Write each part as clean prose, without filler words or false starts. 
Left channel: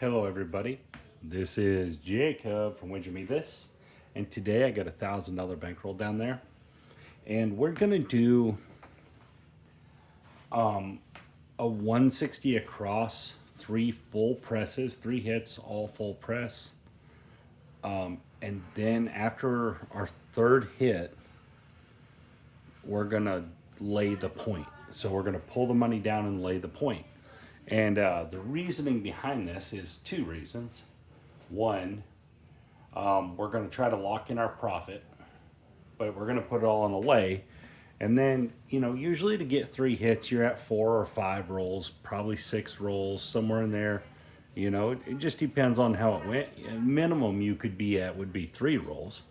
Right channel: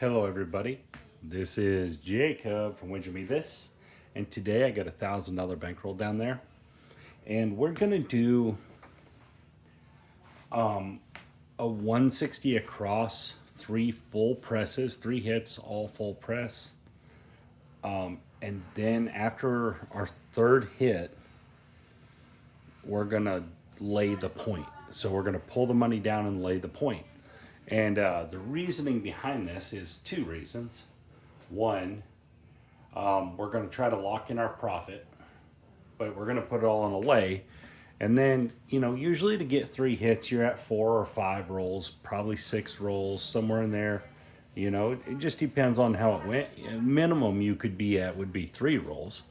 Hello everybody, this is Jacob from Winter Me This, and today I got a $1,000 bankroll down there, and we're gonna do a 160 across, 3 full presses, 3 hits, all full press, and then after our third hit, we're gonna lay the point. So we're gonna pull the money down and lay the point. And the reasoning behind this is 2 reasons. One, we're going to try to lock in our profit, but we're going to put it all on a lay. And then, usually to get 3 hits, you're at 4 or 5 rolls, probably 6 rolls, somewhere in there. It just depends on how it went. Minimum you could be at would be 3 rolls,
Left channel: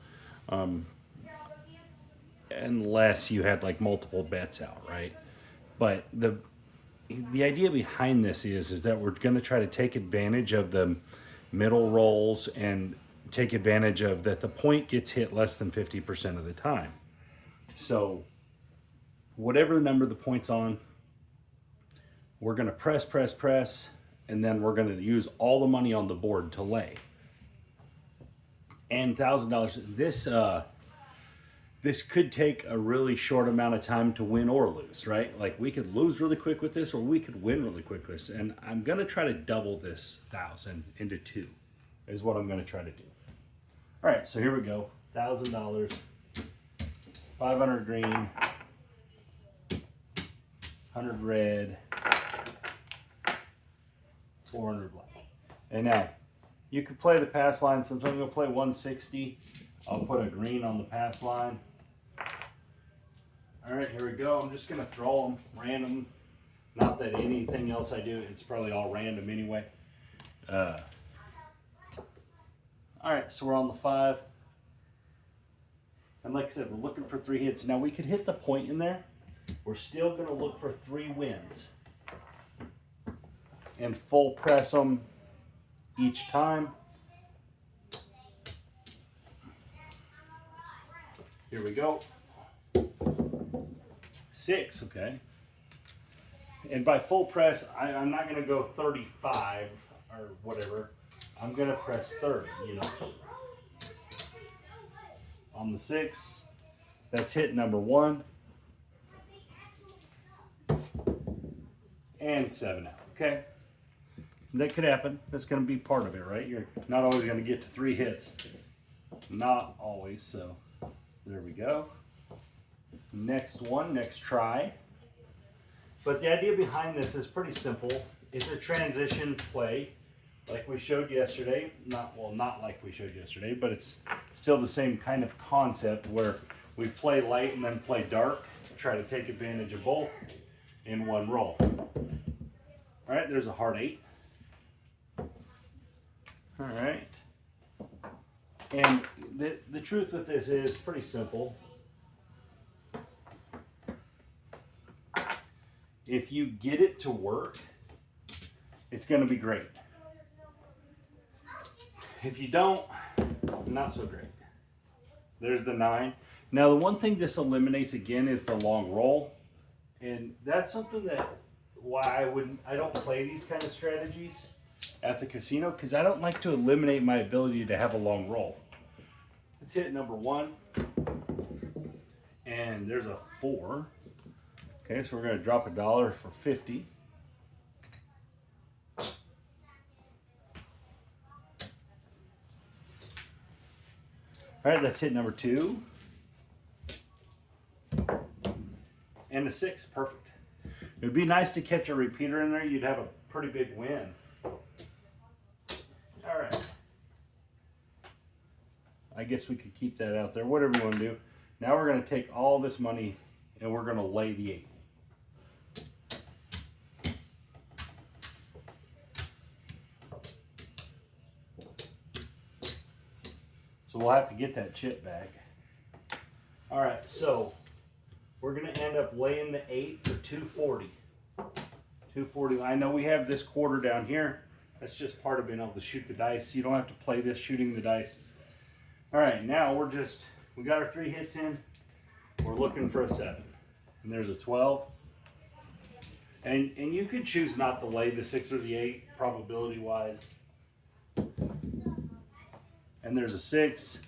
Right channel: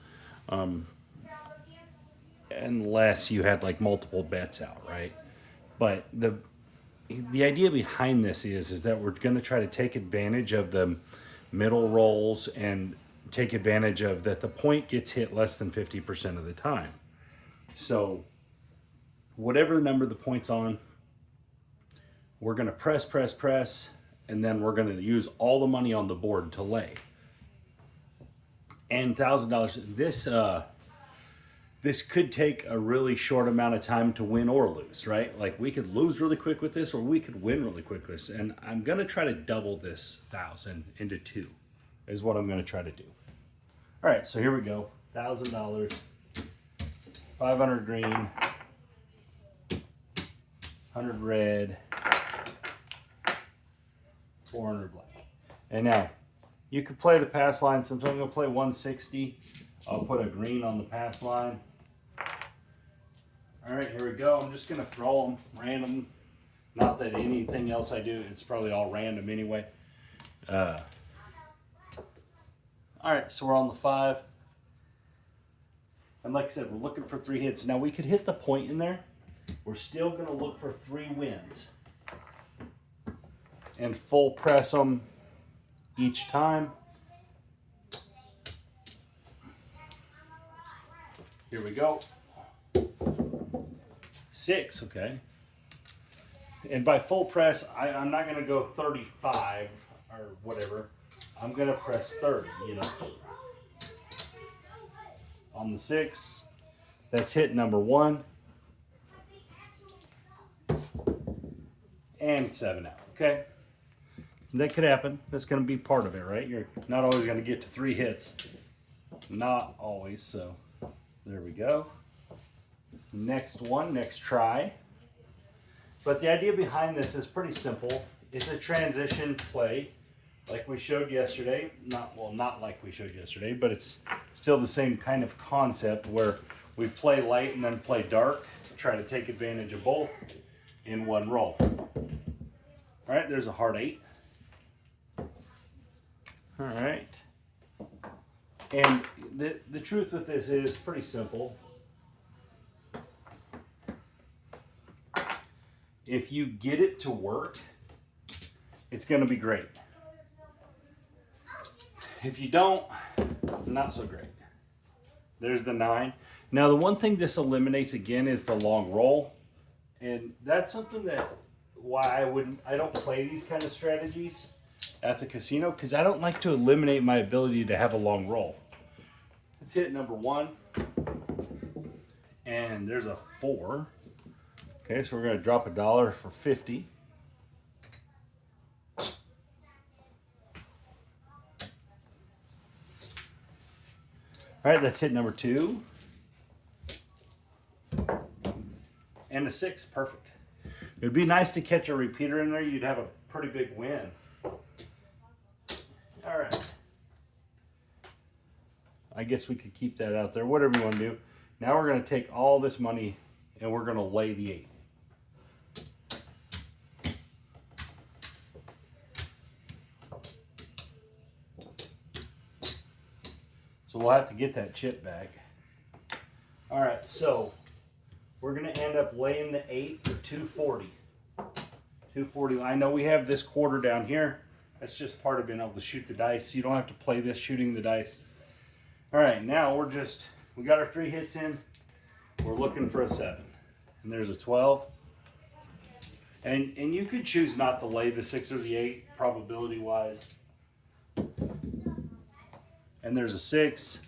unless you had like multiple bets out, right? But the idea behind this is that we're going to try to take advantage of the middle rolls and take advantage of that the point gets hit less than 50% of the time. So whatever number the point's on, we're going to press, and then we're going to use all the money on the board to lay. And $1,000, this could take a really short amount of time to win or lose, right? Like we could lose really quick with this, or we could win really quick with this. And I'm gonna try to double this 1,000 into 2 is what I'm gonna try to do. All right, so here we go. $1,000, 500 green, 100 red, 400 black. And now you could play the pass line. Sometimes I'm gonna play 160. I'll put a green on the pass line. All right, here we go. I'm just gonna throw them random. Not that anything else I do, it's probably all random anyway. All right, so we're on the 5. And like I said, we're looking for 3 hits. Now we could hit the point in there. We're still gonna look for 3 wins. And full press them each time. Here we go. 6, okay. And by full press, I'm not gonna go 35 or whatever. I'm gonna press 30, On the 6, that's hit number 1. And 7 out, okay? That could happen. That's gonna be part of it, right? You're not always gonna get to 3 hits. Not always, so. There we go. Next one, next try. But the idea behind this is pretty simple. It's a transition play like we showed yesterday. Not like we showed yesterday, but it's still the same kind of concept where we play light and then play dark to try to take advantage of both in one roll. All right, there's a heart 8. All right. And the truth with this is pretty simple. If you get it to work, it's going to be great. If you don't, not so great. There's the 9. Now the one thing this eliminates again is the long roll. And that's something that why I don't play these kind of strategies at the casino, because I don't like to eliminate my ability to have a long roll. Let's hit number 1. And there's a 4. Okay, so we're going to drop $1 for 50. All right, that's hit number 2. And a 6, perfect. It would be nice to catch a repeater in there. You'd have a pretty big win. All right. I guess we could keep that out there, whatever you want to do. Now we're going to take all this money and we're going to lay the 8. So we'll have to get that chip back. All right, so we're going to end up laying the 8 for 240. 240. I know we have this quarter down here. That's just part of being able to shoot the dice. You don't have to play this shooting the dice. All right, now we got our 3 hits in. We're looking for a 7. And there's a 12. And you could choose not to lay the 6 or the 8, probability wise. and there's a 6.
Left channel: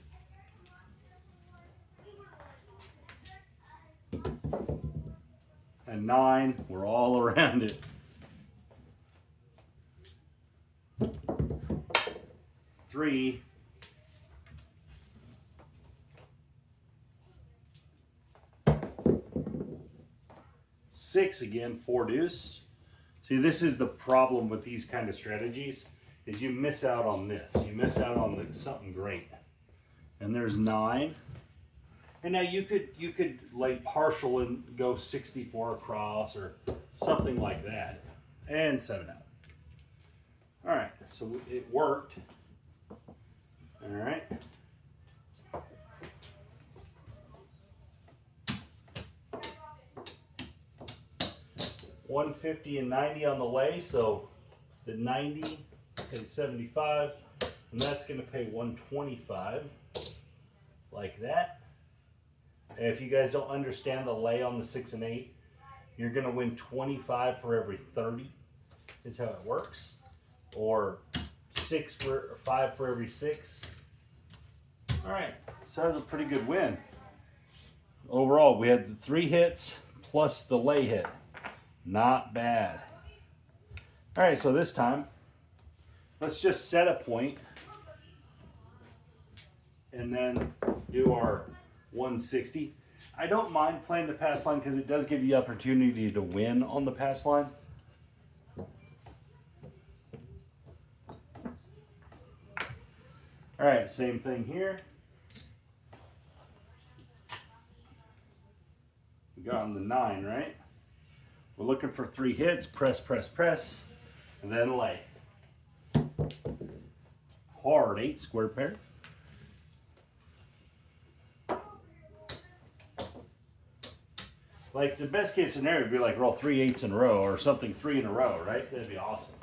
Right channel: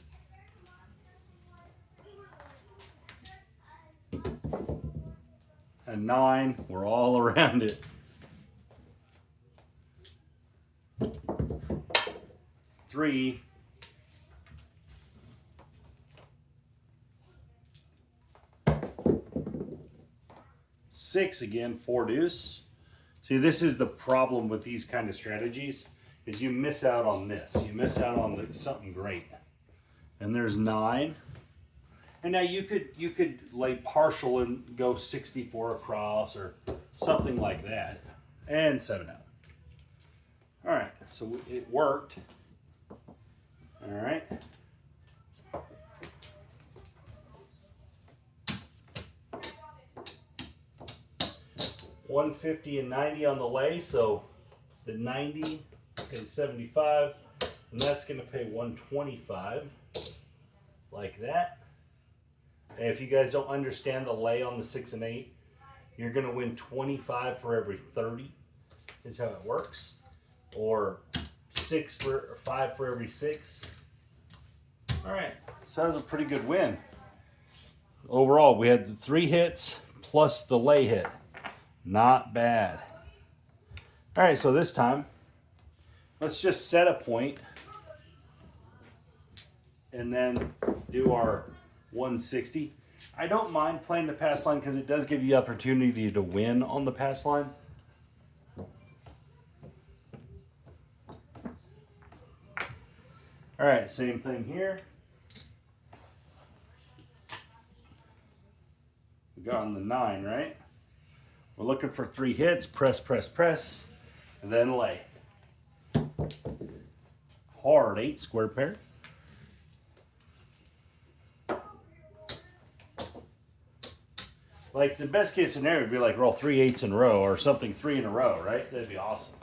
A 9, we're all around it. 3. 6 again, 4 deuce. See, this is the problem with these kind of strategies, is you miss out on this. You miss out on something great. And there's 9. And now you could lay partial and go 64 across or something like that. And 7 out. All right, so it worked. All right. $150 and $90 on the lay, so the 90 pays 75, and that's going to pay $125, like that. And if you guys don't understand the lay on the 6 and 8, you're going to win 25 for every 30, is how it works, or 5 for every 6. All right, so that was a pretty good win. Overall, we had the 3 hits plus the lay hit. Not bad. All right, so this time, let's just set a point and then do our 160. I don't mind playing the pass line because it does give you the opportunity to win on the pass line. All right, same thing here. We got on the 9, right? We're looking for 3 hits, press, press, press, and then lay. Hard 8 square pair. Like the best case scenario would be like roll 3 8s in a row or something 3 in a row, right? That'd be awesome.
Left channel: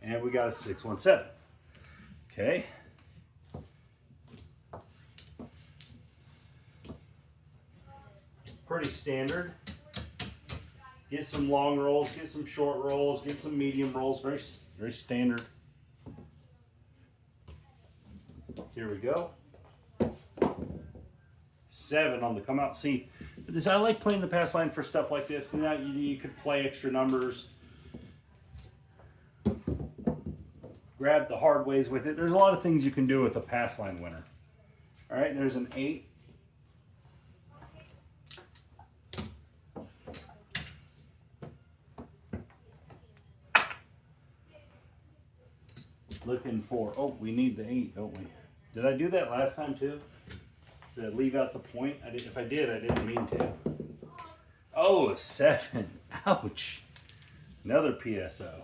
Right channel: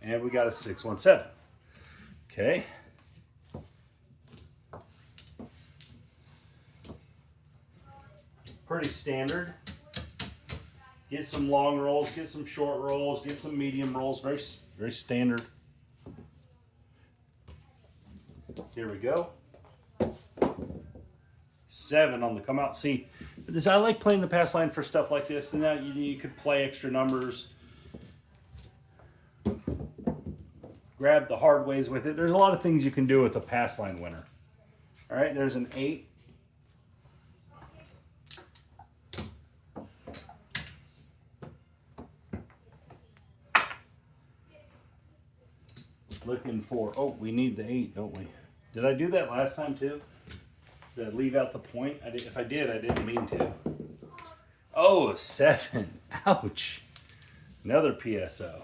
And we got a 617. Okay. Pretty standard. Get some long rolls, get some short rolls, get some medium rolls. Very, very standard. Here we go. 7 on the come out. See, this, I like playing the pass line for stuff like this. And now you could play extra numbers. Grab the hard ways with it. There's a lot of things you can do with a pass line winner. All right, there's an 8. Looking for, oh, we need the 8, don't we? Did I do that last time too? Did I leave out the point? If I did, I didn't mean to. Oh, 7. Ouch. Another PSO.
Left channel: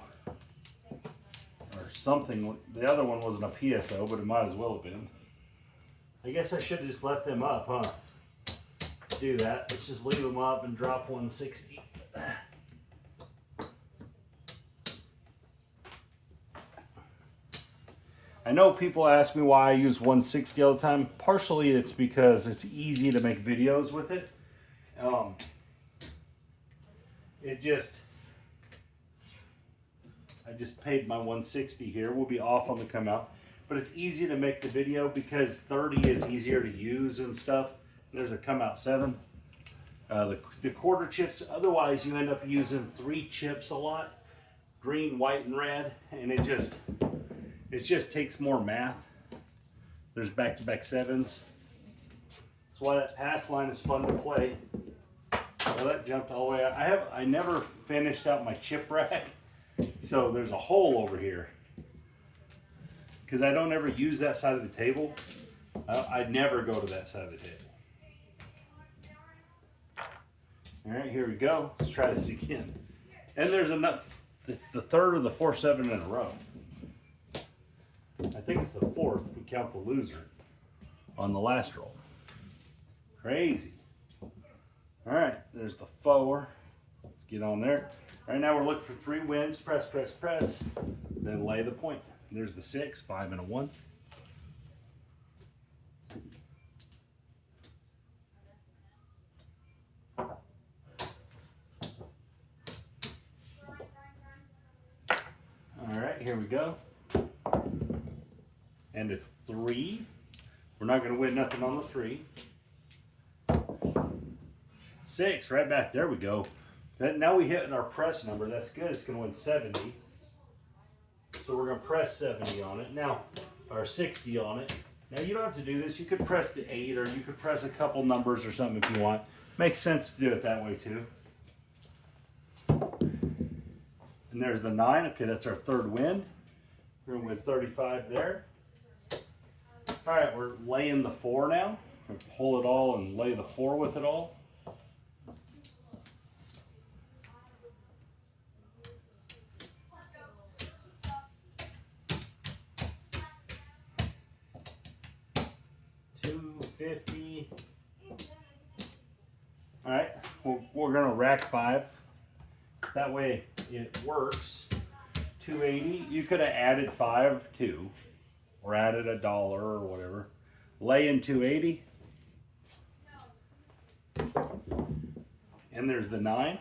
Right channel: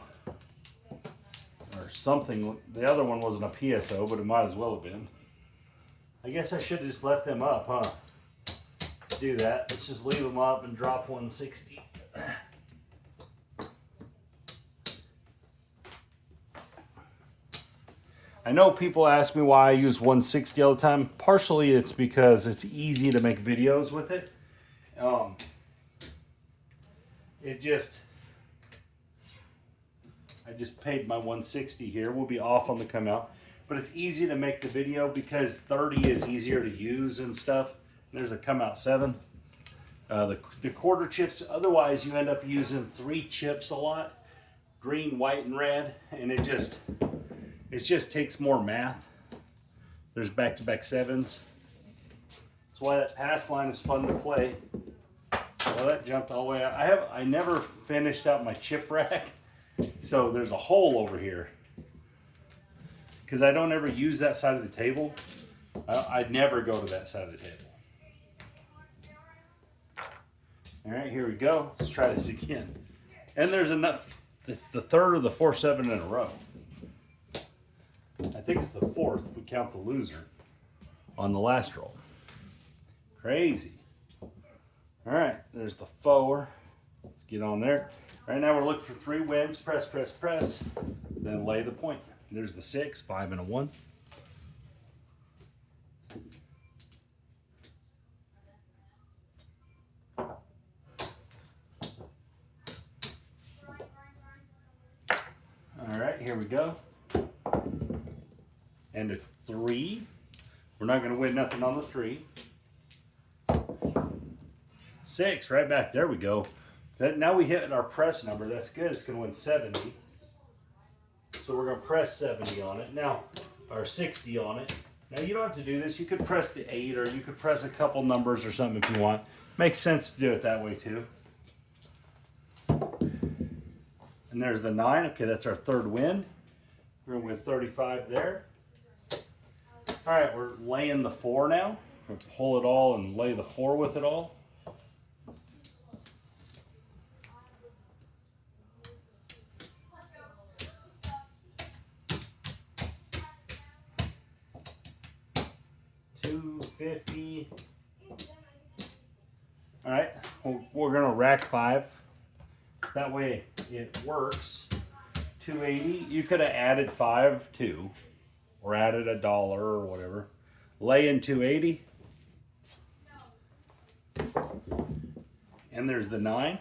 Or something. The other one wasn't a PSO, but it might as well have been. I guess I should have just left them up, huh? Let's do that. Let's just leave them up and drop 160. I know people ask me why I use 160 all the time. Partially it's because it's easy to make videos with it. I just paid my 160 here. We'll be off on the come out. But it's easy to make the video because 30 is easier to use and stuff. There's a come out 7. The quarter chips, otherwise you end up using 3 chips a lot. Green, white, and red. And it just takes more math. There's back-to-back 7s. That's why that pass line is fun to play. Well, that jumped all the way out. I never finished out my chip rack, so there's a hole over here. Because I don't ever use that side of the table. I'd never go to that side of the table. All right, here we go. Let's try this again. And there's enough. It's the 3rd or the 4th 7 in a row. I think it's the 4th if we count the loser on the last roll. Crazy. All right, there's the 4. Let's get on there. Right now we're looking for 3 wins. Press, press, press. Then lay the point. There's the 6, 5 and a 1. All right, here we go. and a 3. We're not going to win nothing on the 3. 6, right back. There we go. Now we hit our press number. That's good. It's going to win 70. So we're going to press 70 on it. Now, or 60 on it. Now you don't have to do this. You could press the 8, or you could press a couple numbers or something if you want. Makes sense to do it that way too. And there's the 9. Okay, that's our 3rd win. We're going to win 35 there. All right, we're laying the 4 now. We're going to pull it all and lay the 4 with it all. $250. All right, we're going to rack 5. That way it works. $280. You could have added 5 too, or added $1 or whatever. Lay in $280. And there's the 9.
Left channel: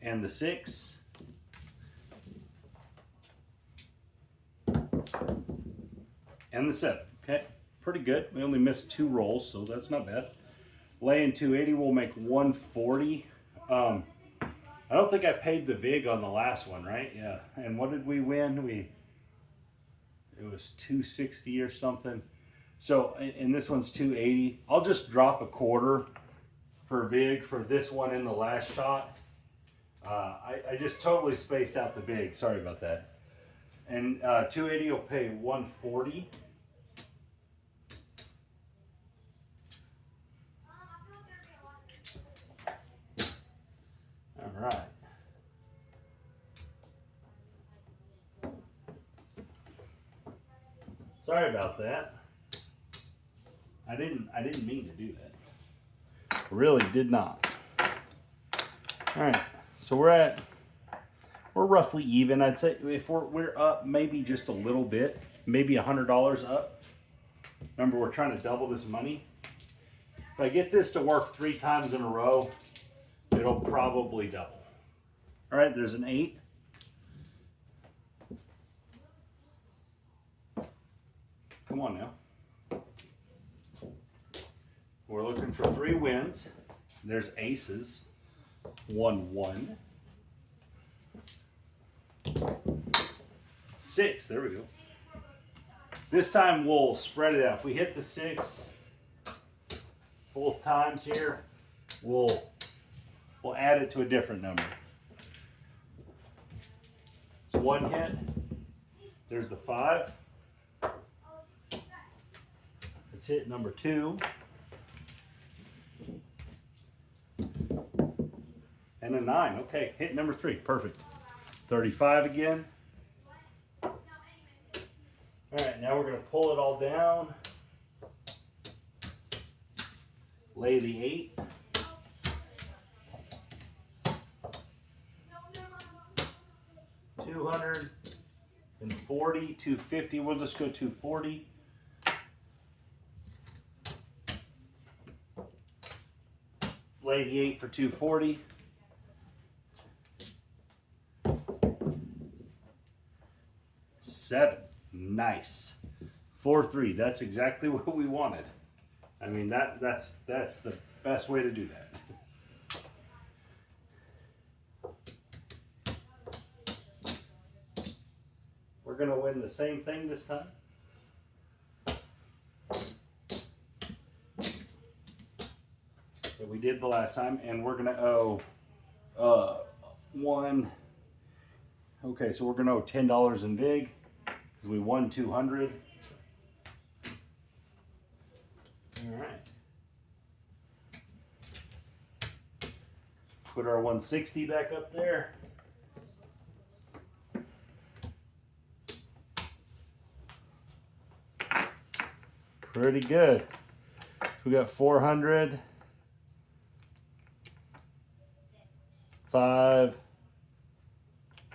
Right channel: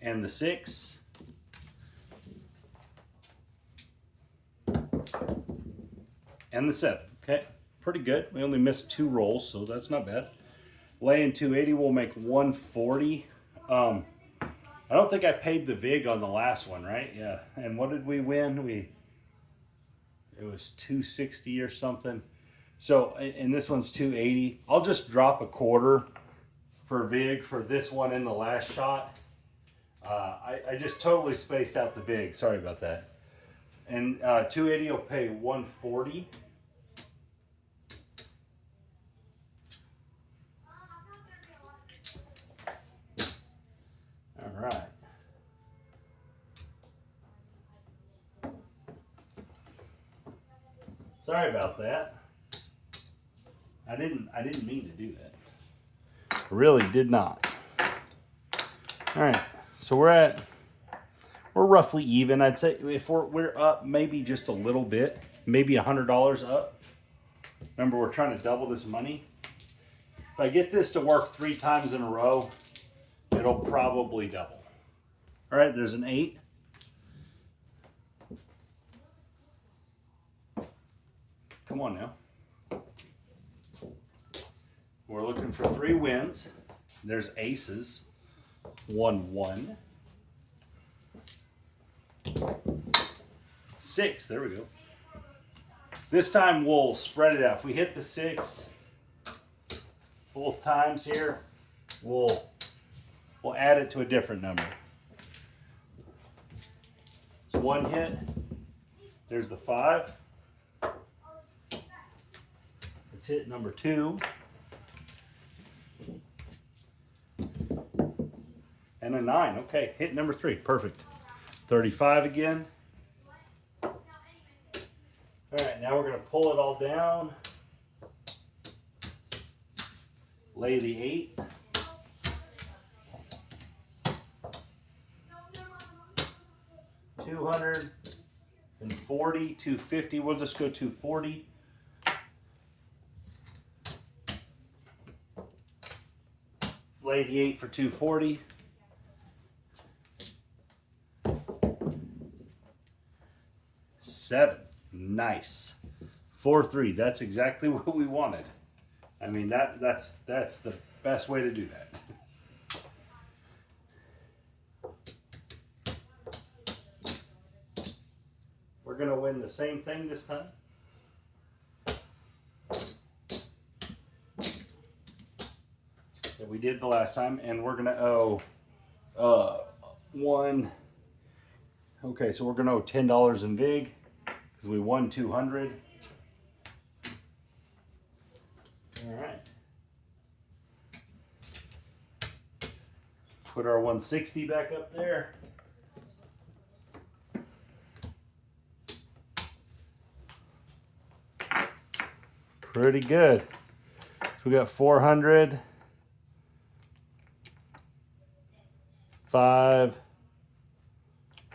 And the 6. And the 7. Okay, pretty good. We only missed 2 rolls, so that's not bad. Lay in 280, we'll make 140. I don't think I paid the VIG on the last one, right? Yeah. And what did we win? It was 260 or something. So, and this one's 280. I'll just drop a quarter for VIG for this one in the last shot. I just totally spaced out the VIG. Sorry about that. And 280 will pay 140. All right. Sorry about that. I didn't mean to do that. I really did not. All right. So we're roughly even. I'd say if we're up maybe just a little bit, maybe $100 up. Remember, we're trying to double this money. If I get this to work 3 times in a row, it'll probably double. All right, there's an 8. Come on now. We're looking for 3 wins. There's aces. 1, 1. 6, there we go. This time we'll spread it out. If we hit the 6 both times here, we'll add it to a different number. So 1 hit. There's the 5. Let's hit number 2. And a 9. Okay, hit number 3. Perfect. 35 again. All right, now we're going to pull it all down. Lay the 8. $240, $250. We'll just go $240. Lay the 8 for $240. $7. Nice. 4-3. That's exactly what we wanted. I mean, that's the best way to do that. We're going to win the same thing this time. That we did the last time, and we're going to owe 1. Okay, so we're going to owe $10 in VIG because we won 200. All right. Put our 160 back up there. Pretty good. So we got 400, 5,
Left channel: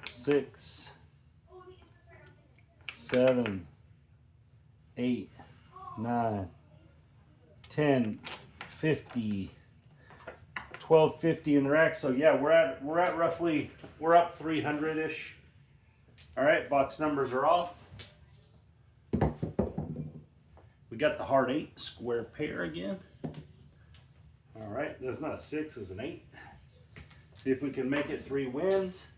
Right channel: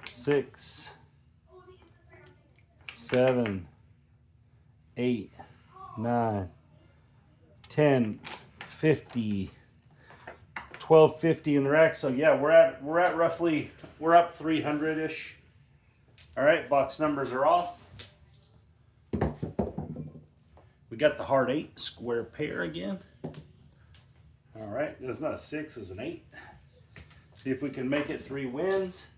6, 7, 8, 9, 10, 50, 12.50 in the rack. So yeah, we're at roughly, we're up 300-ish. All right, box numbers are off. We got the hard 8 square pair again. All right, that's not a 6, it's an 8. See if we can make it 3 wins.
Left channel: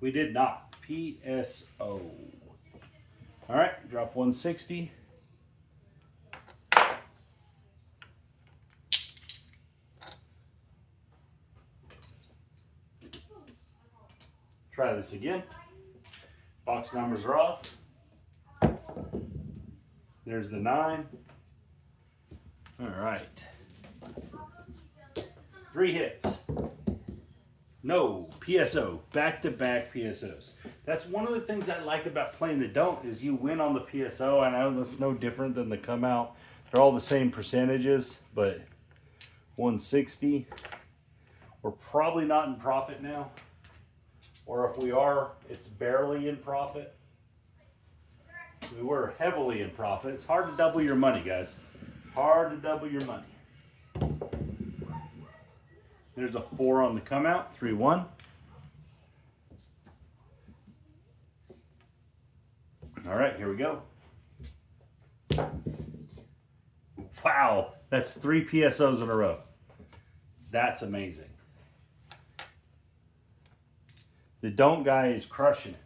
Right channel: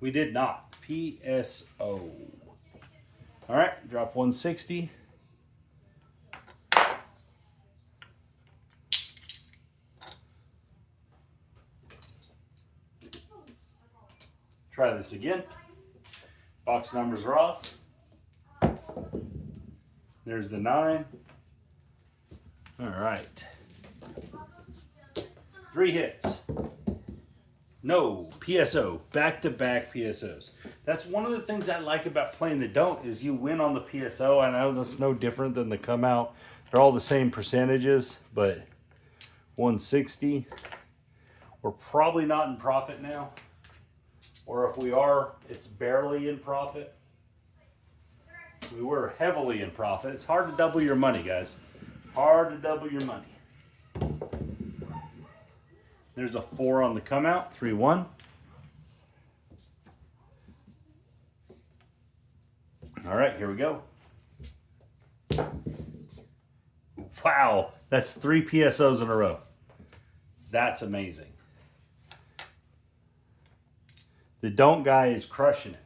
We did not. PSO. All right, drop 160. Try this again. Box numbers are off. There's the 9. All right. 3 hits. No, PSO, back-to-back PSOs. That's one of the things I like about playing the don't is you win on the PSO. I know that's no different than the come out. They're all the same percentages, but 160. We're probably not in profit now. Or if we are, it's barely in profit. We were heavily in profit. It's hard to double your money, guys. Hard to double your money. There's a 4 on the come out, 3-1. All right, here we go. Wow, that's 3 PSOs in a row. That's amazing. The don't guy is crushing it.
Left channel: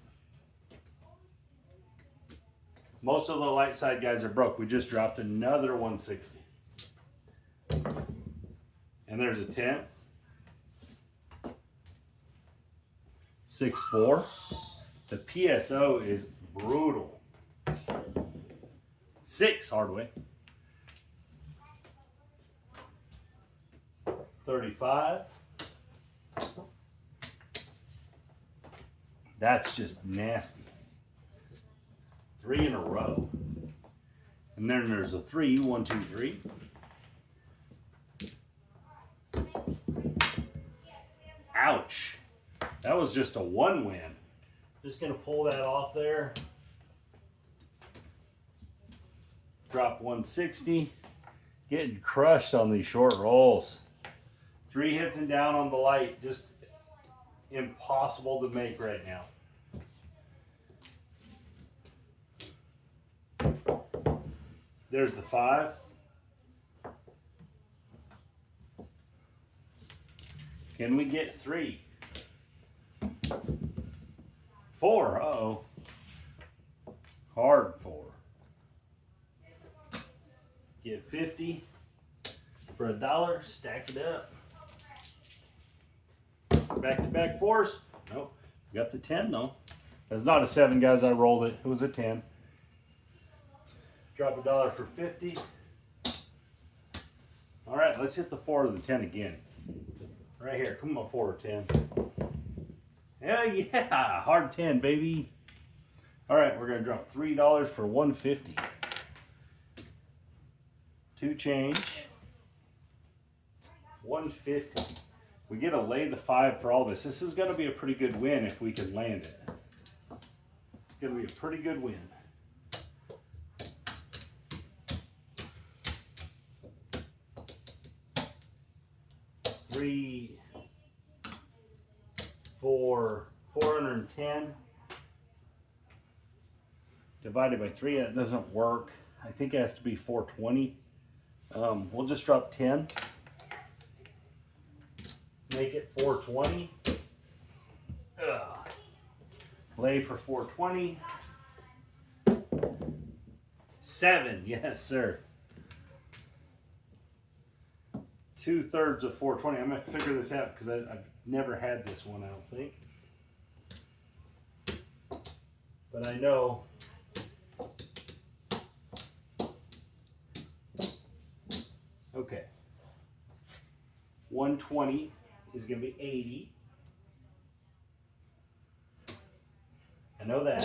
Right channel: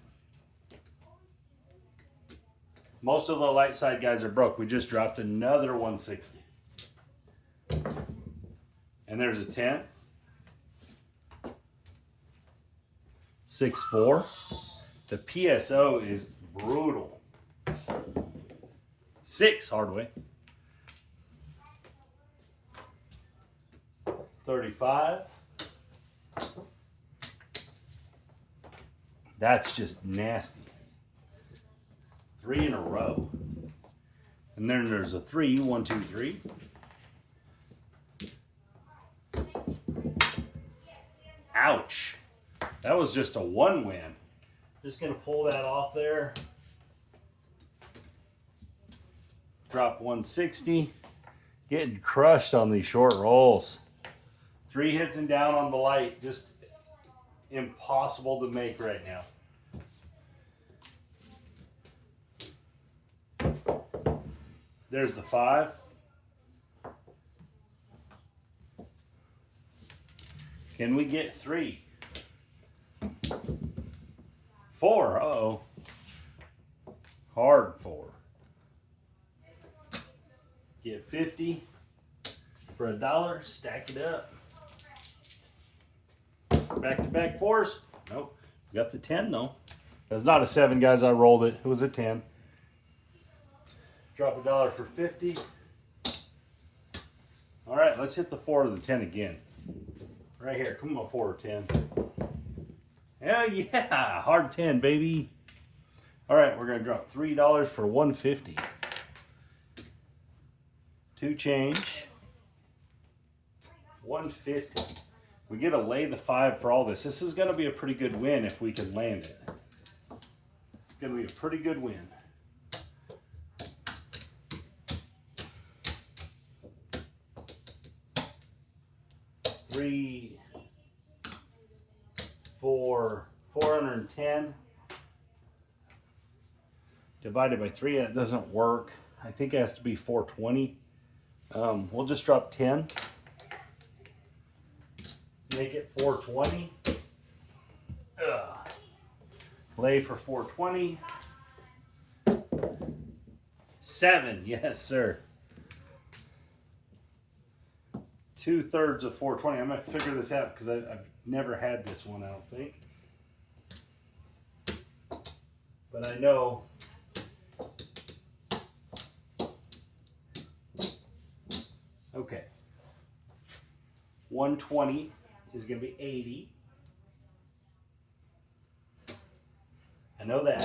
Most of the light side guys are broke. We just dropped another 160. And there's a 10. 6-4. The PSO is brutal. 6 hardway. 35. That's just nasty. 3 in a row. And then there's a 3, 1, 2, 3. Ouch. That was just a 1 win. Just gonna pull that off there. Drop 160. Getting crushed on these short rolls. 3 hits and down on the light. Just impossible to make right now. There's the 5. Can we get 3? 4. Uh-oh. Hard 4. Get 50 for $1. Stack it up. Back-to-back 4s. Nope. Got the 10 though. That's not a 7, guys. I rolled it. It was a 10. Drop $1 for 50. All right, let's hit the 4 or the 10 again. Right here. Come on, 4 or 10. Hell yeah, hard 10, baby. All right, we're gonna drop $3 for 150. 2 change. 150. We get to lay the 5 for all this. This is gonna be a pretty good win if we can land it. It's gonna be a pretty good win. $3, $4, 410 divided by 3. That doesn't work. I think it has to be 420. We'll just drop 10. Make it 420. Lay for 420. 7, yes sir. 2/3 of 420. I'm gonna figure this out because I've never had this one, I don't think. But I know okay. 120 is gonna be 80. I know that.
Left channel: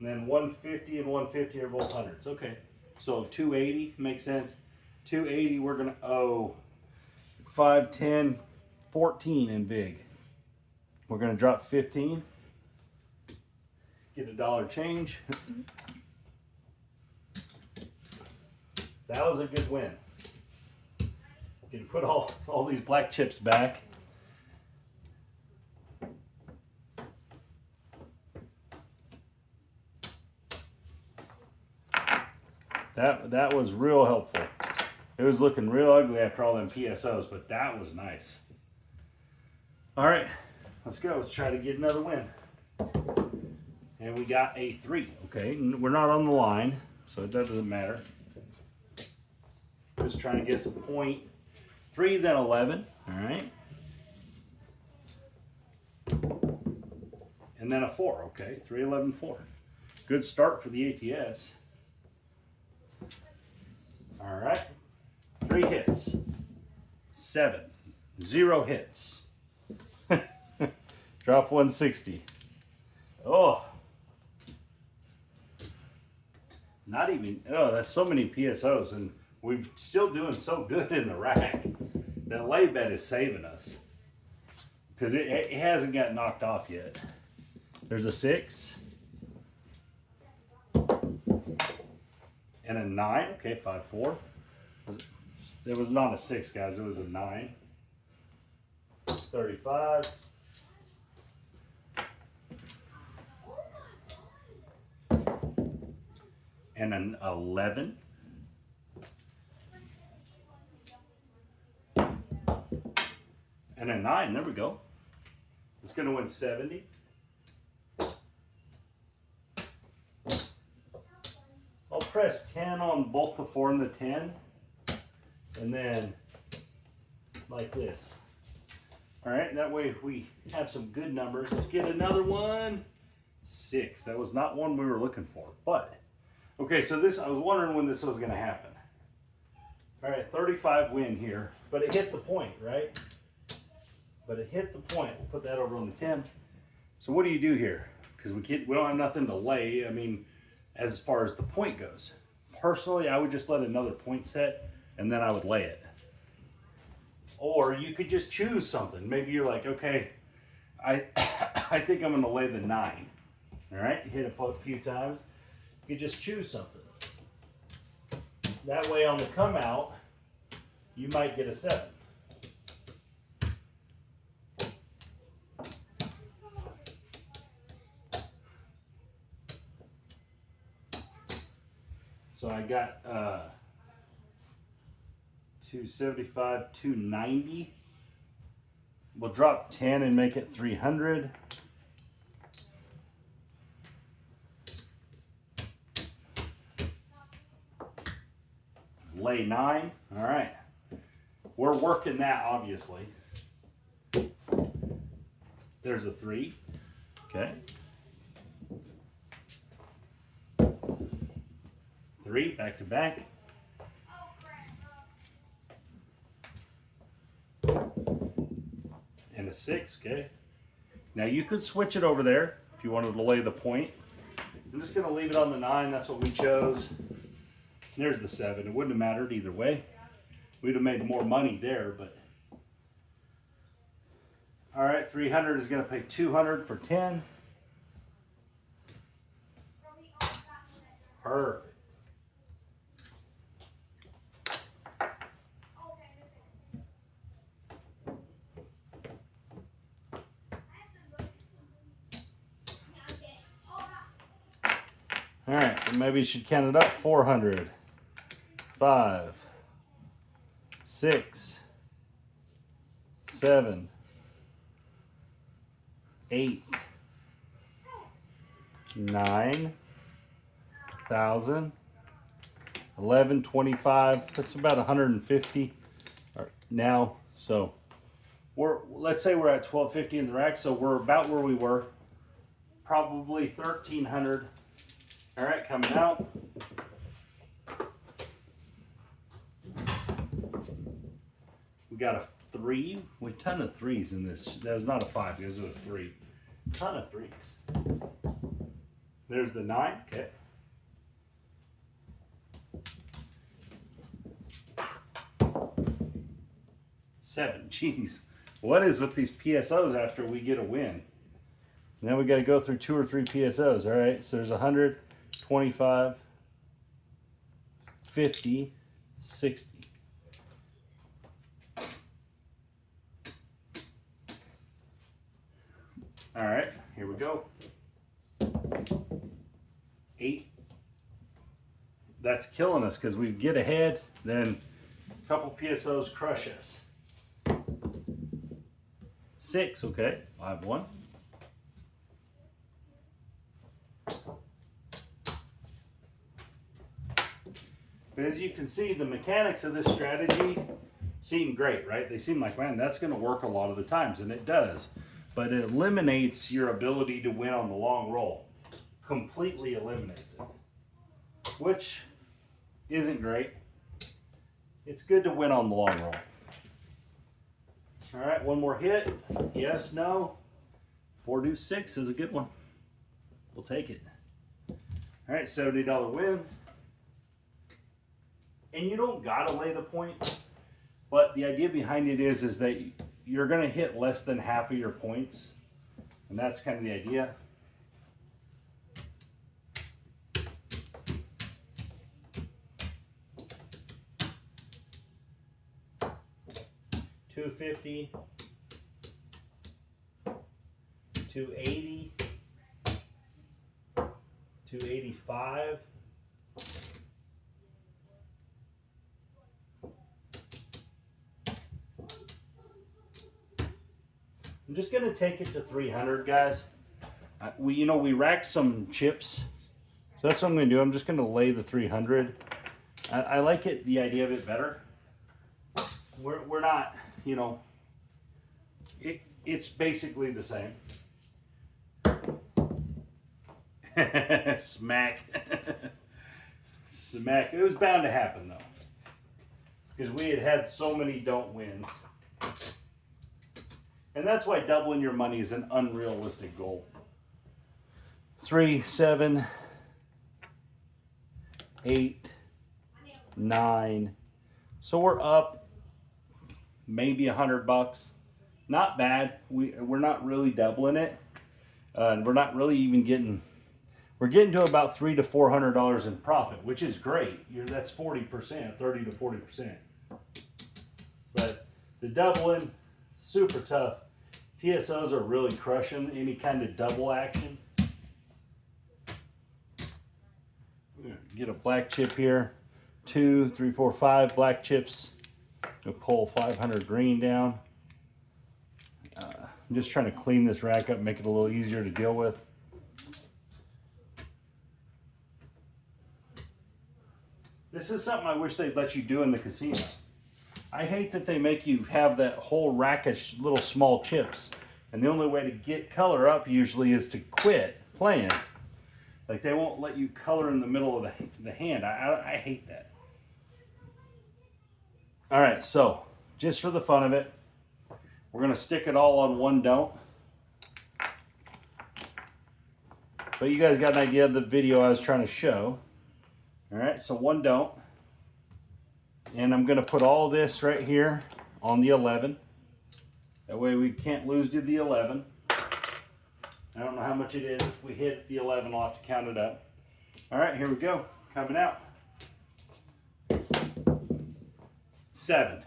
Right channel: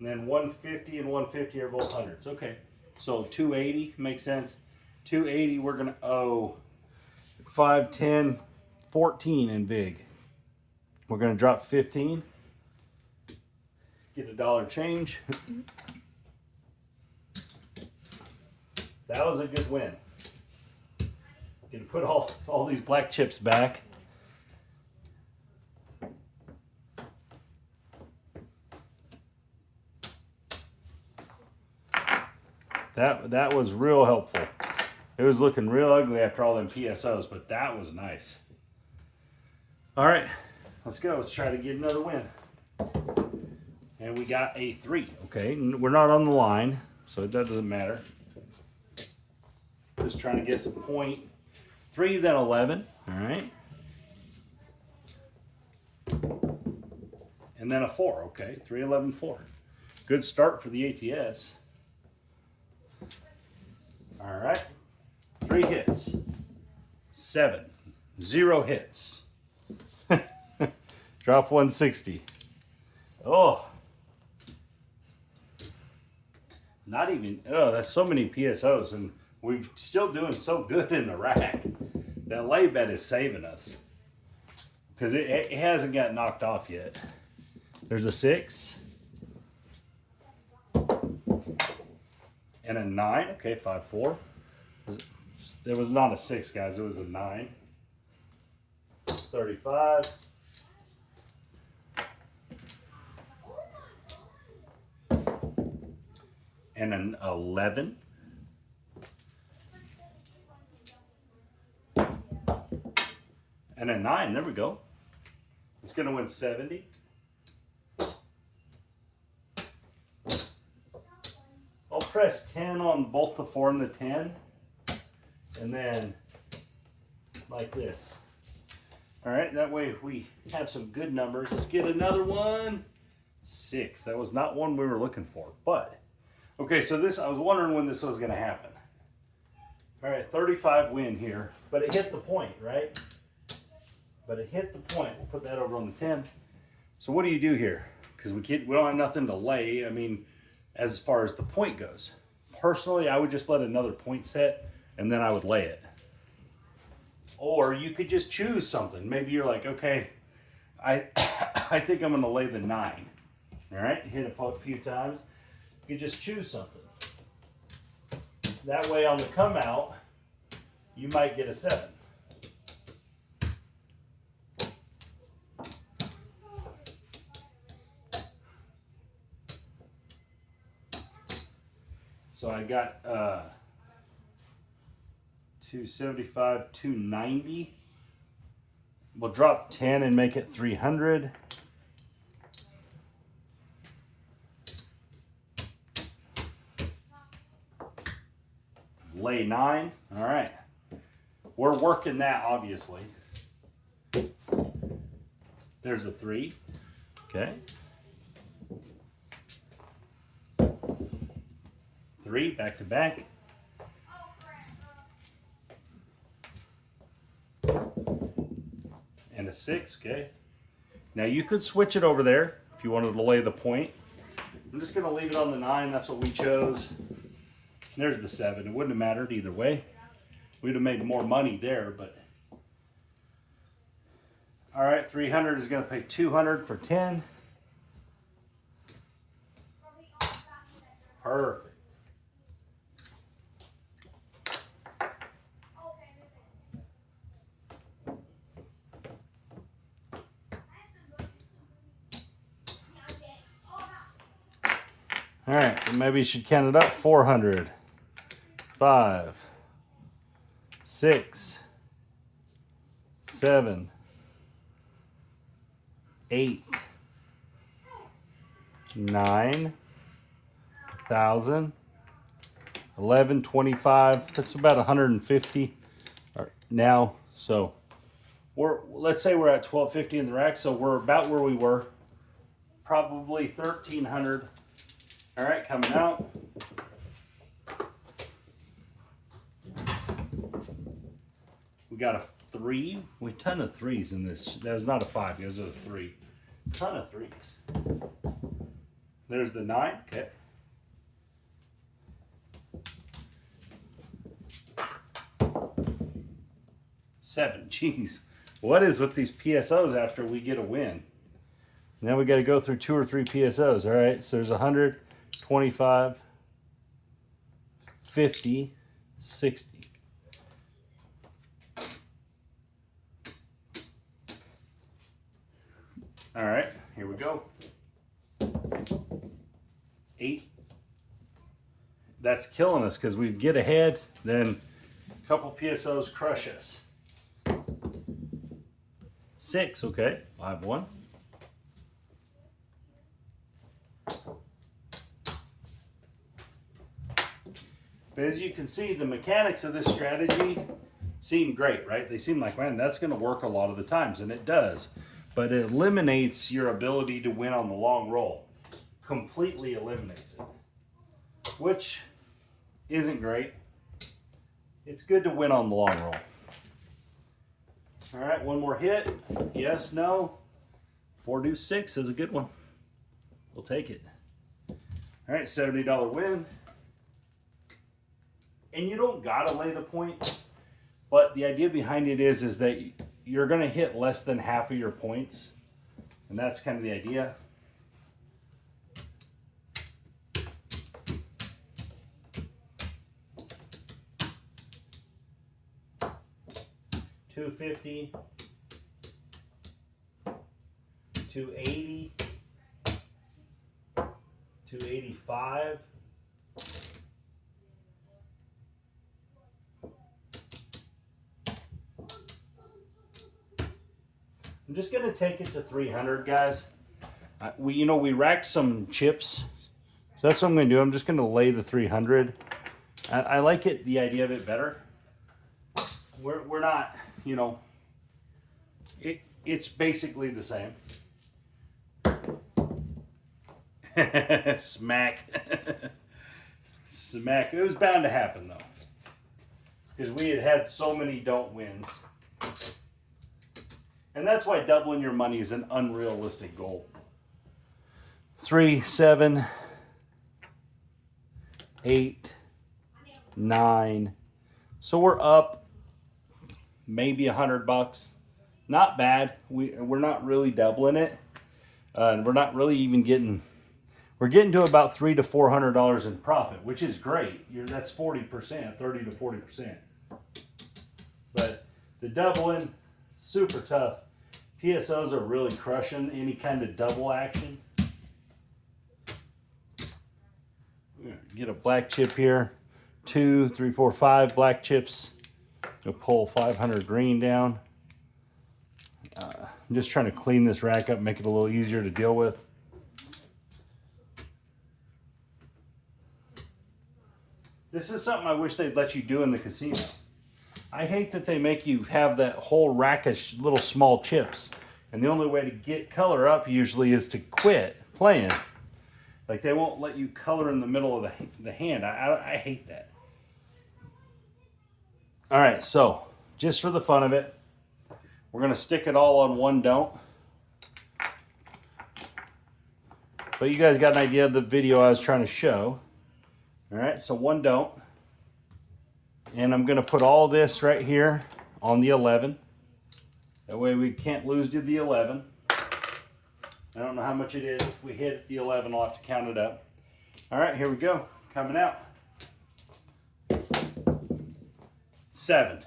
And then 150 and 150 are both hundreds. Okay. So 280 makes sense. 280 we're gonna owe 5, 10, 14 in big. We're gonna drop 15. Get $1 change. That was a good win. Can put all these black chips back. That was real helpful. It was looking real ugly after all them PSOs, but that was nice. All right, let's go. Let's try to get another win. And we got a 3. Okay, we're not on the line, so that doesn't matter. Just trying to get some point. 3, then 11. All right. And then a 4. Okay, 3, 11, 4. Good start for the ATS. All right. 3 hits. 7. 0 hits. Drop 160. Oh. Not even, oh, that's so many PSOs, and we're still doing so good in the rack. That lay bet is saving us. Because it hasn't got knocked off yet. There's a 6. And a 9. Okay, 5, 4. There was not a 6, guys. It was a 9. 35. And an 11. And a 9. There we go. It's going to win 70. I'll press 10 on both the 4 and the 10. And then like this. All right, that way we have some good numbers. Let's get another one. 6. That was not one we were looking for, but okay, so this, I was wondering when this was going to happen. All right, 35 win here, but it hit the point, right? But it hit the point. We'll put that over on the 10. So what do you do here? Because we don't have nothing to lay. I mean, as far as the point goes. Personally, I would just let another point set, and then I would lay it. Or you could just choose something. Maybe you're like, okay, I think I'm going to lay the 9. All right, hit it a few times. You just choose something. That way on the come out, you might get a 7. So I got 275, 290. We'll drop 10 and make it 300. Lay 9. All right. We're working that, obviously. There's a 3. Okay. 3 back to back. And a 6. Okay. Now you could switch it over there if you wanted to lay the point. I'm just going to leave it on the 9. That's what we chose. There's the 7. It wouldn't have mattered either way. We'd have made more money there, but. All right, 300 is going to pay 200 for 10. Perfect. All right, maybe you should count it up. 400, 5, 6, 7, 8, 9, 1,000, 11, 25. That's about 150 now. So let's say we're at 1250 in the rack. So we're about where we were. Probably 1,300. All right, coming out. We got a 3. We ton of 3s in this. That was not a 5. It was a 3. Ton of 3s. There's the 9. Okay. Seven. Jeez. What is with these PSOs after we get a win? Now we got to go through 2 or 3 PSOs. All right. So there's 100. 25, 50, 60. All right, here we go. 8. That's killing us because we get ahead, then a couple PSOs crush us. 6, okay, 5-1. But as you can see, the mechanics of this strategy seem great, right? They seem like, man, that's going to work a lot of the times, and it does. But it eliminates your ability to win on the long roll. Completely eliminates it, which isn't great. It's good to win on the long roll. All right, one more hit. Yes, no. 4 deuce 6 is a good one. We'll take it. All right, $70 win. And you don't gotta lay the point, but the idea behind it is that you're gonna hit less than half of your points, and that's kind of the idea. $250, $280, $285. I'm just gonna take it to 300, guys. We racked some chips, so that's what I'm gonna do. I'm just gonna lay the 300. I like it, the idea of it better. We're not, it's basically the same. Smack. Smack. It was bound to happen though, because we had so many don't wins. And that's why doubling your money is an unrealistic goal. 3, 7, 8, 9. So we're up maybe $100. Not bad. We're not really doubling it. And we're not really even getting, we're getting to about $300 to $400 in profit, which is great. That's 40%, 30 to 40%. But the doubling, super tough. PSOs are really crushing any kind of double action. Get a black chip here. 2, 3, 4, 5 black chips. We'll pull 500 green down. I'm just trying to clean this rack up, make it a little easier to deal with. This is something I wish they'd let you do in the casino. I hate that they make you have that whole rack of little small chips. And the only way to get color up usually is to quit playing. Like they won't let you color in the middle of the hand. I hate that. All right, so just for the fun of it, we're gonna stick it all on one don't. But you guys got an idea of the video I was trying to show. All right, so one don't. And I'm gonna put all this right here on the 11. That way we can't lose to the 11. I don't know how much it is. If we hit the 11, I'll have to count it up. All right, here we go. Coming out. 7.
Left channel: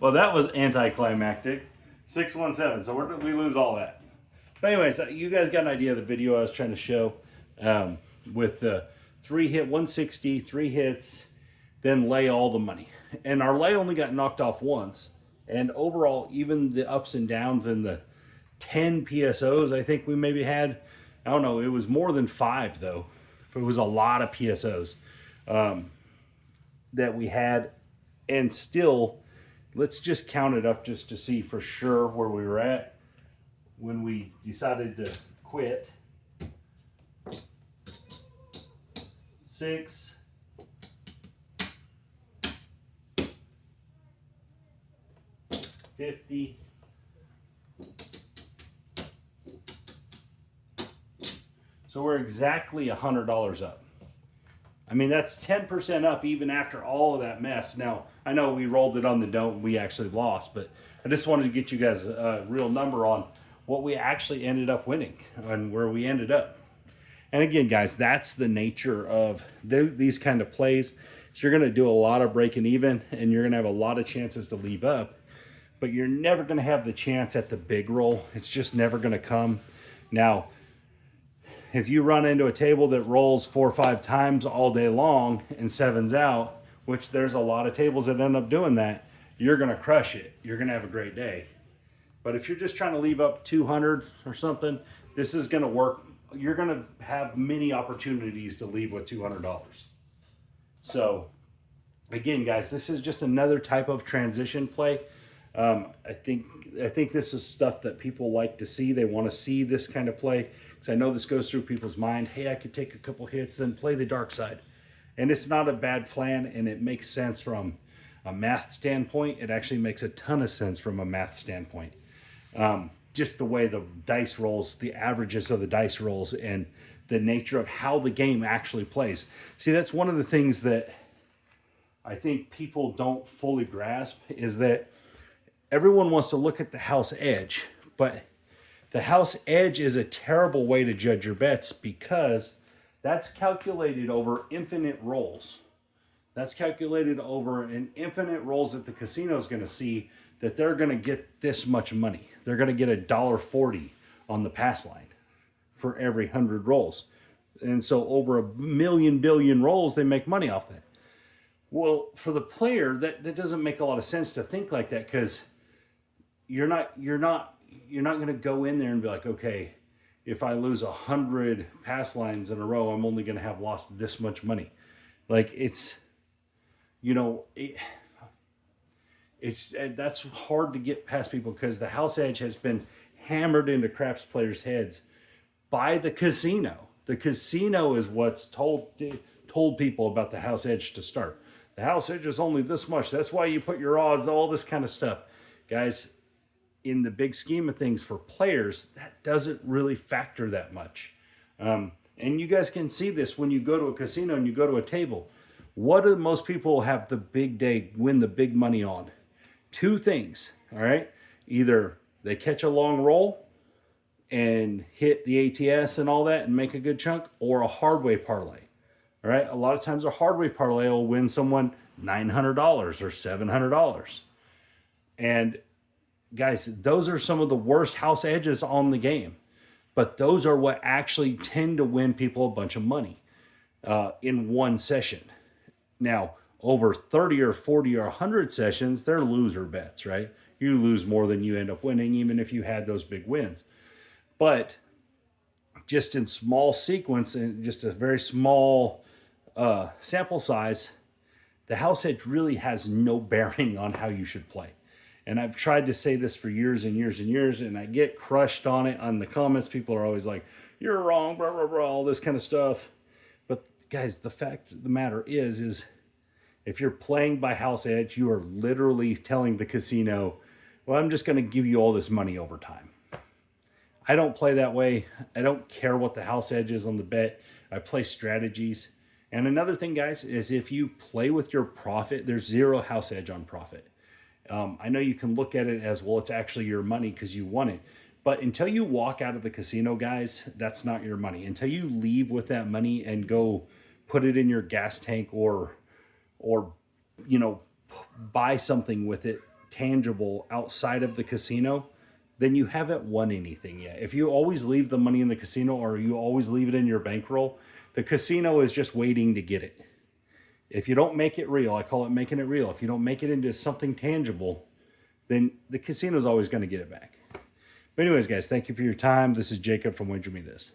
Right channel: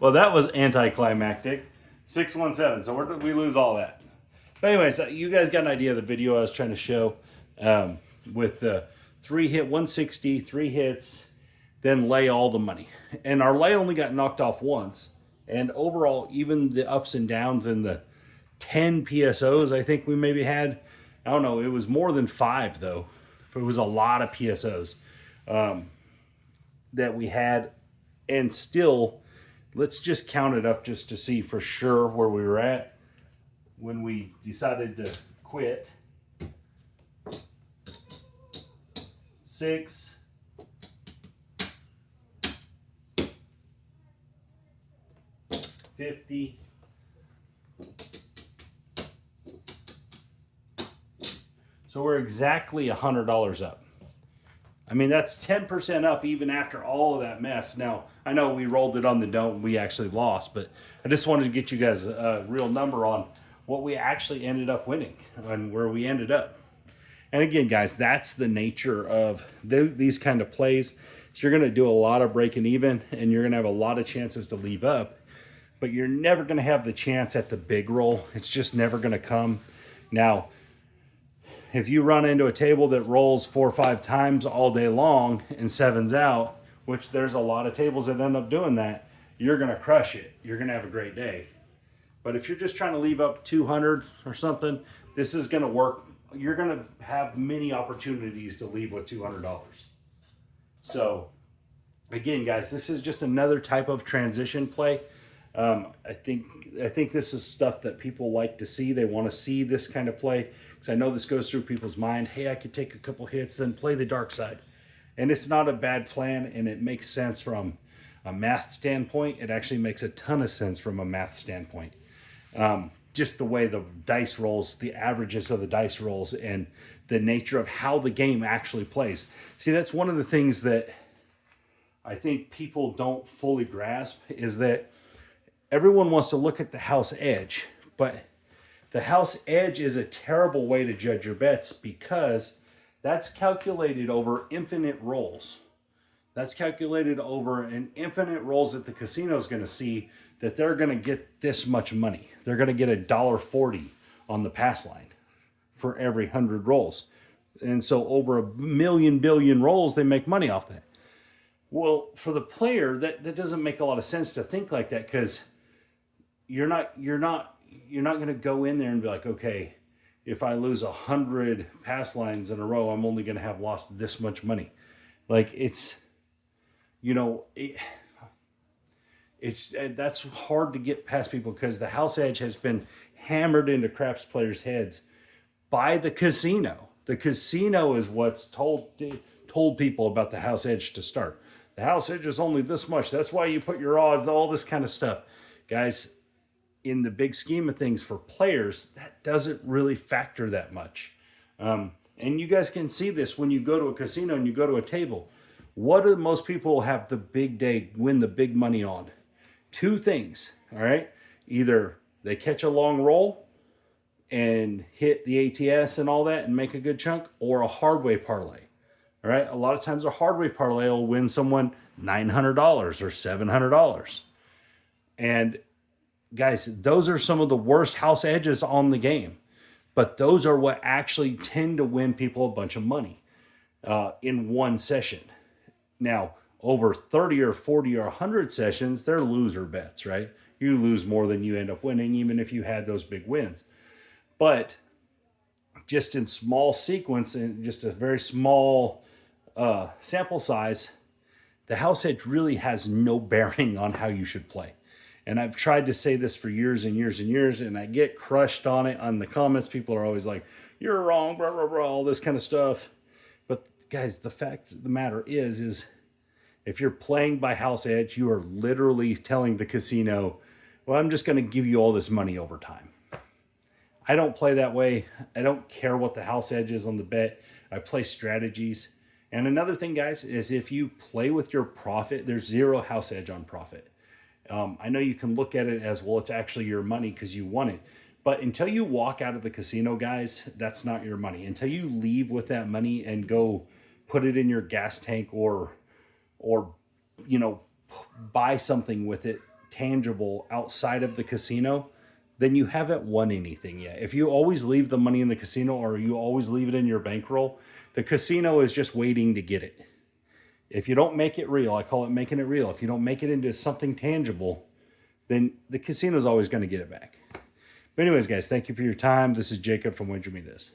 Well, that was anticlimactic. 617. So we lose all that. But anyways, you guys got an idea of the video I was trying to show with the 3 hit 160, 3 hits, then lay all the money. And our lay only got knocked off once. And overall, even the ups and downs in the 10 PSOs, I think we maybe had, I don't know, it was more than 5 though. It was a lot of PSOs that we had. And still, let's just count it up just to see for sure where we were at when we decided to quit. 6, 50, so we're exactly $100 up. I mean, that's 10% up even after all of that mess. Now, I know we rolled it on the don't, we actually lost, but I just wanted to get you guys a real number on what we actually ended up winning and where we ended up. And again, guys, that's the nature of these kind of plays. So you're going to do a lot of breaking even, and you're going to have a lot of chances to leave up. but you're never going to have the chance at the big roll. It's just never going to come. Now, if you run into a table that rolls 4 or 5 times all day long and 7's out, which there's a lot of tables that end up doing that, you're going to crush it. You're going to have a great day. But if you're just trying to leave up 200 or something, this is going to work. You're going to have many opportunities to leave with $200. So again, guys, this is just another type of transition play. I think this is stuff that people like to see. They want to see this kind of play, because I know this goes through people's mind. Hey, I could take a couple hits, then play the dark side. And it's not a bad plan, and it makes sense from a math standpoint. It actually makes a ton of sense from a math standpoint. Just the way the dice rolls, the averages of the dice rolls, and the nature of how the game actually plays. See, that's one of the things that I think people don't fully grasp, is that everyone wants to look at the house edge, but the house edge is a terrible way to judge your bets, because that's calculated over infinite rolls. That's calculated over an infinite rolls that the casino is going to see, that they're going to get this much money. They're going to get $1.40 on the pass line for every 100 rolls. And so over 1 billion rolls, they make money off that. Well, for the player, that doesn't make a lot of sense to think like that, because you're not going to go in there and be like, okay, if I lose 100 pass lines in a row, I'm only going to have lost this much money. Like, it's, you know, that's hard to get past people, because the house edge has been hammered into craps players' heads by the casino. The casino is what's told people about the house edge to start. The house edge is only this much. That's why you put your odds, all this kind of stuff. Guys, in the big scheme of things for players, that doesn't really factor that much. And you guys can see this when you go to a casino and you go to a table. What do most people have the big day, win the big money on? 2 things, all right? Either they catch a long roll and hit the ATS and all that and make a good chunk, or a hard way parlay, all right? A lot of times a hard way parlay will win someone $900 or $700. And guys, those are some of the worst house edges on the game, but those are what actually tend to win people a bunch of money in one session. Now, over 30 or 40 or 100 sessions, they're loser bets, right? You lose more than you end up winning, even if you had those big wins. But just in small sequence and just a very small sample size, the house edge really has no bearing on how you should play. And I've tried to say this for years and years and years, and I get crushed on it on the comments. People are always like, you're wrong, blah, blah, blah, all this kind of stuff. But guys, the fact of the matter is if you're playing by house edge, you are literally telling the casino, well, I'm just going to give you all this money over time. I don't play that way. I don't care what the house edge is on the bet. I play strategies. And another thing, guys, is if you play with your profit, there's 0 house edge on profit. I know you can look at it as, well, it's actually your money because you won it. But until you walk out of the casino, guys, that's not your money. Until you leave with that money and go put it in your gas tank or you know, buy something with it tangible outside of the casino, then you haven't won anything yet. If you always leave the money in the casino, or you always leave it in your bankroll, the casino is just waiting to get it. If you don't make it real, I call it making it real. If you don't make it into something tangible, then the casino is always going to get it back. But anyways, guys, thank you for your time. This is Jacob from Wager Me This.